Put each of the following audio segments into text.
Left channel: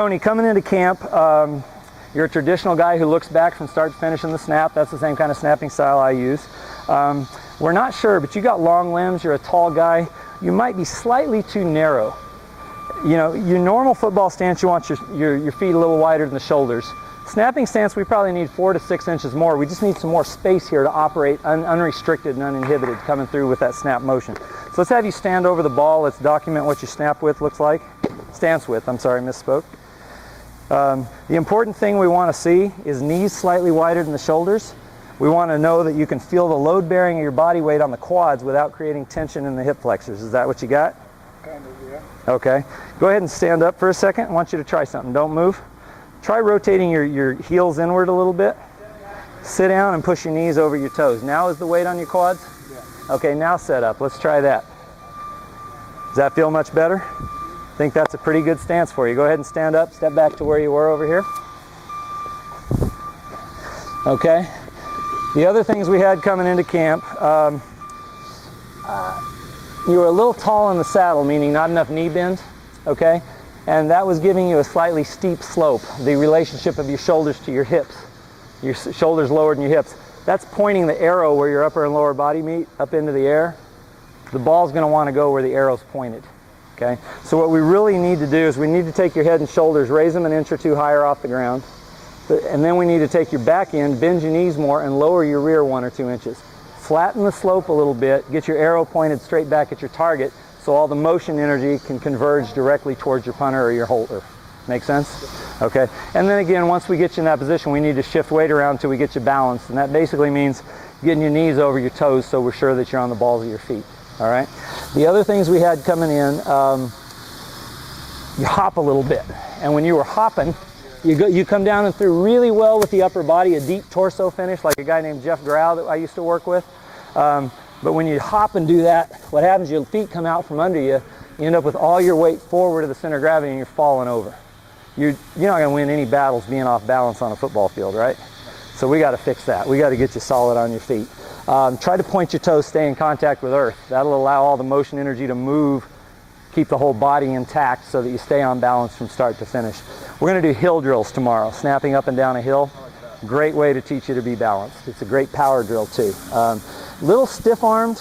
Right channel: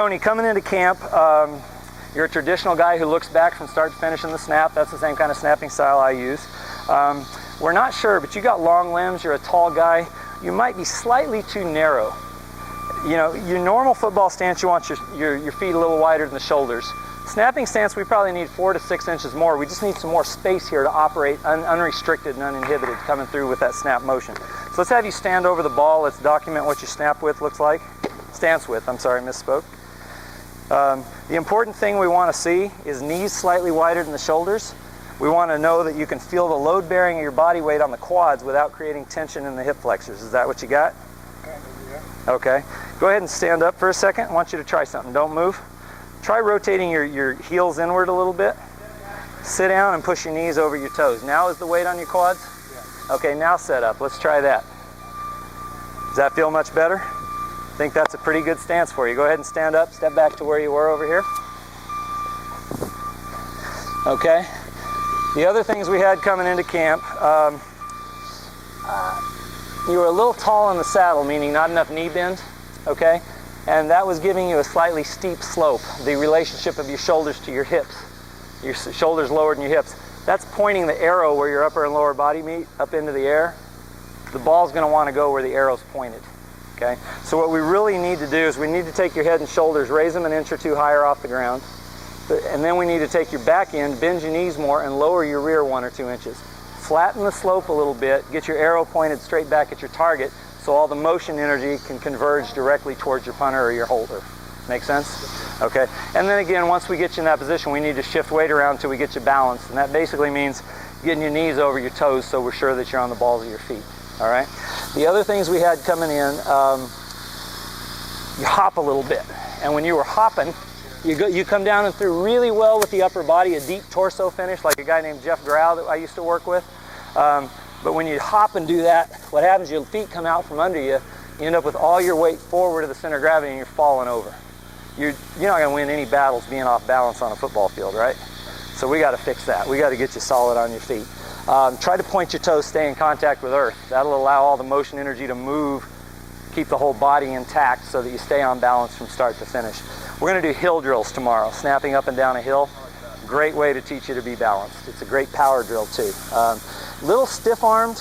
Tony, coming into camp, you're a traditional guy who looks back from start to finish in the snap. That's the same kind of snapping style I use. We're not sure, but you got long limbs, you're a tall guy. You might be slightly too narrow. You know, your normal football stance, you want your feet a little wider than the shoulders. Snapping stance, we probably need 4 to 6 inches more. We just need some more space here to operate unrestricted and uninhibited coming through with that snap motion. So let's have you stand over the ball. Let's document what your snap width looks like. Stance width, I'm sorry, misspoke. The important thing we want to see is knees slightly wider than the shoulders. We want to know that you can feel the load bearing of your body weight on the quads without creating tension in the hip flexors. Is that what you got? Okay. Go ahead and stand up for a second. I want you to try something. Don't move. Try rotating your heels inward a little bit. Sit down and push your knees over your toes. Now is the weight on your quads? Yeah. Okay, now set up. Let's try that. Does that feel much better? I think that's a pretty good stance for you. Go ahead and stand up. Step back to where you were over here. Okay. The other things we had coming into camp, you were a little tall in the saddle, meaning not enough knee bend, okay? And that was giving you a slightly steep slope, the relationship of your shoulders to your hips. Your shoulders lower than your hips. That's pointing the arrow where your upper and lower body meet, up into the air. The ball's going to want to go where the arrow's pointed, okay? So what we really need to do is we need to take your head and shoulders, raise them an inch or two higher off the ground. And then we need to take your back end, bend your knees more, and lower your rear 1 or 2 inches. Flatten the slope a little bit, get your arrow pointed straight back at your target so all the motion energy can converge directly towards your punter or your holder. Make sense? Okay. And then again, once we get you in that position, we need to shift weight around until we get you balanced. And that basically means getting your knees over your toes so we're sure that you're on the balls of your feet. All right? The other things we had coming in, you hop a little bit. And when you were hopping, you come down and through really well with the upper body, a deep torso finish, like a guy named Jeff Grau that I used to work with. But when you hop and do that, what happens, your feet come out from under you, you end up with all your weight forward of the center of gravity and you're falling over. You're not going to win any battles being off balance on a football field, right? So we got to fix that. We got to get you solid on your feet. Try to point your toes, stay in contact with earth. That'll allow all the motion energy to move, keep the whole body intact so that you stay on balance from start to finish. We're going to do hill drills tomorrow, snapping up and down a hill. Great way to teach you to be balanced. It's a great power drill too. Little stiff-armed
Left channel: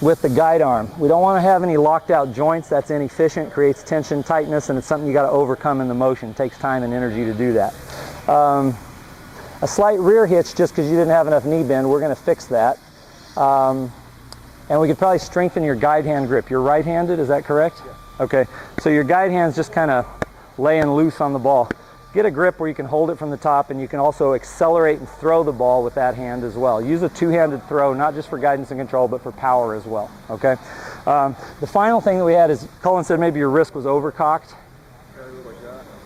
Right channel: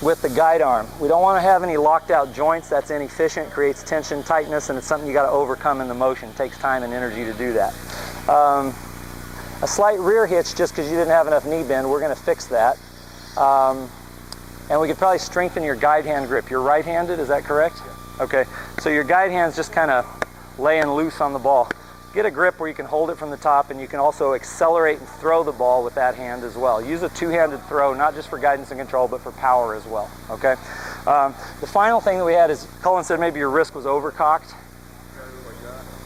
with the guide arm. We don't want to have any locked out joints. That's inefficient, creates tension, tightness, and it's something you got to overcome in the motion. It takes time and energy to do that. A slight rear hitch just because you didn't have enough knee bend, we're going to fix that. And we could probably strengthen your guide hand grip. You're right-handed, is that correct? Okay, so your guide hand's just kind of laying loose on the ball. Get a grip where you can hold it from the top, and you can also accelerate and throw the ball with that hand as well. Use a two-handed throw, not just for guidance and control, but for power as well, okay? The final thing that we had is, Colin said maybe your wrist was overcocked.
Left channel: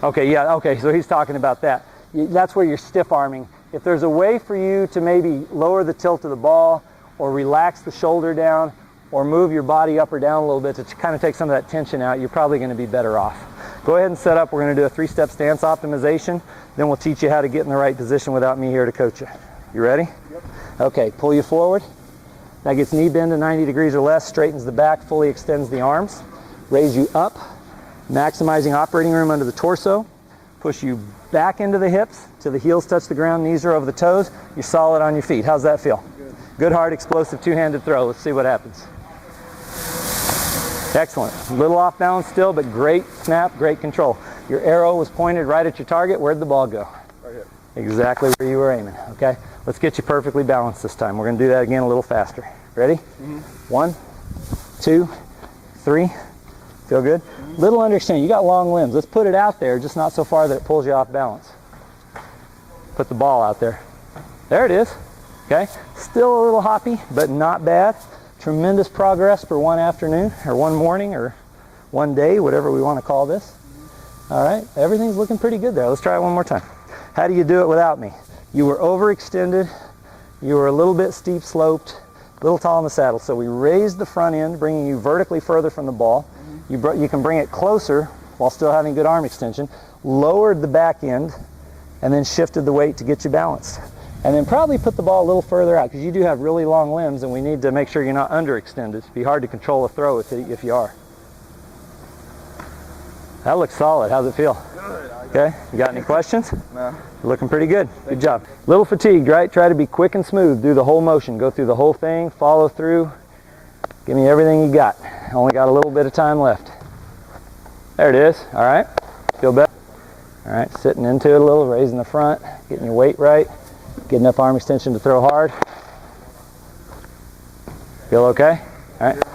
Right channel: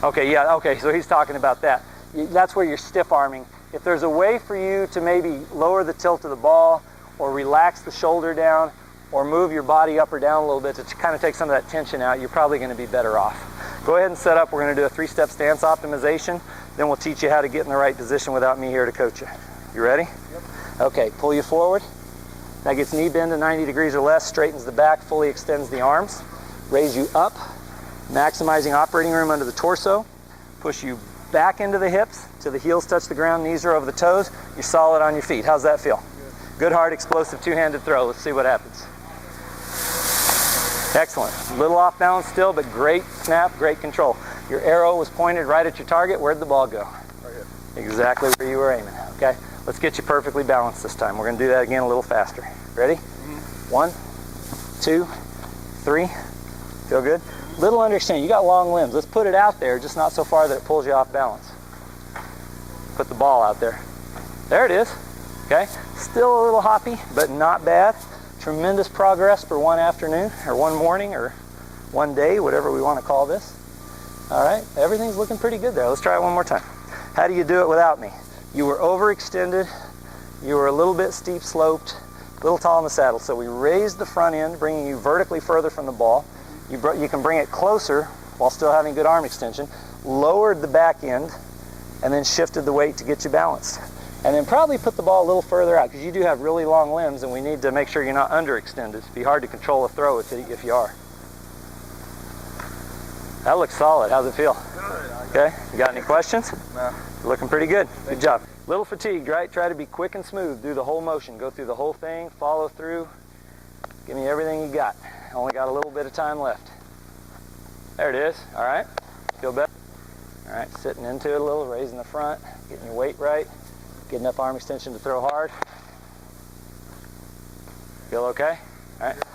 Okay, yeah, okay, so he's talking about that. That's where you're stiff-arming. If there's a way for you to maybe lower the tilt of the ball or relax the shoulder down or move your body up or down a little bit to kind of take some of that tension out, you're probably going to be better off. Go ahead and set up. We're going to do a 3-step stance optimization. Then we'll teach you how to get in the right position without me here to coach you. You ready? Yep. Okay, pull you forward. That gets knee bend to 90 degrees or less, straightens the back, fully extends the arms. Raise you up, maximizing operating room under the torso. Push you back into the hips till the heels touch the ground, knees are over the toes. You're solid on your feet. How's that feel? Good, hard, explosive, two-handed throw. Let's see what happens. Excellent. A little off balance still, but great snap, great control. Your arrow was pointed right at your target. Where'd the ball go? Okay. Exactly where you were aiming. Okay? Let's get you perfectly balanced this time. We're going to do that again a little faster. Ready? Mm-hmm. 1, 2, 3. Feel good? Mm-hmm. Little underextend. You got long limbs. Let's put it out there, just not so far that it pulls you off balance. Put the ball out there. There it is. Okay? Still a little hoppy, but not bad. Tremendous progress for one afternoon, or one morning, or one day, whatever we want to call this. All right, everything's looking pretty good there. Let's try it one more time. How do you do it without me? You were overextended, you were a little bit steep sloped, a little tall in the saddle. So we raised the front end, bringing you vertically further from the ball. You can bring it closer while still having good arm extension, lowered the back end, and then shifted the weight to get you balanced. And then probably put the ball a little further out because you do have really long limbs and we need to make sure you're not underextended. It'd be hard to control a throw if you are. That looks solid. How's it feel? Okay. You got any questions? No. You're looking pretty good. Good job. Little fatigued, right? Try to be quick and smooth. Do the whole motion. Go through the whole thing. Follow through. Give me everything you got. Only got a little bit of time left. There it is. All right. Feel better? All right. Sitting into it a little, raising the front, getting your weight right, getting enough arm extension to throw hard. Feel okay? All right.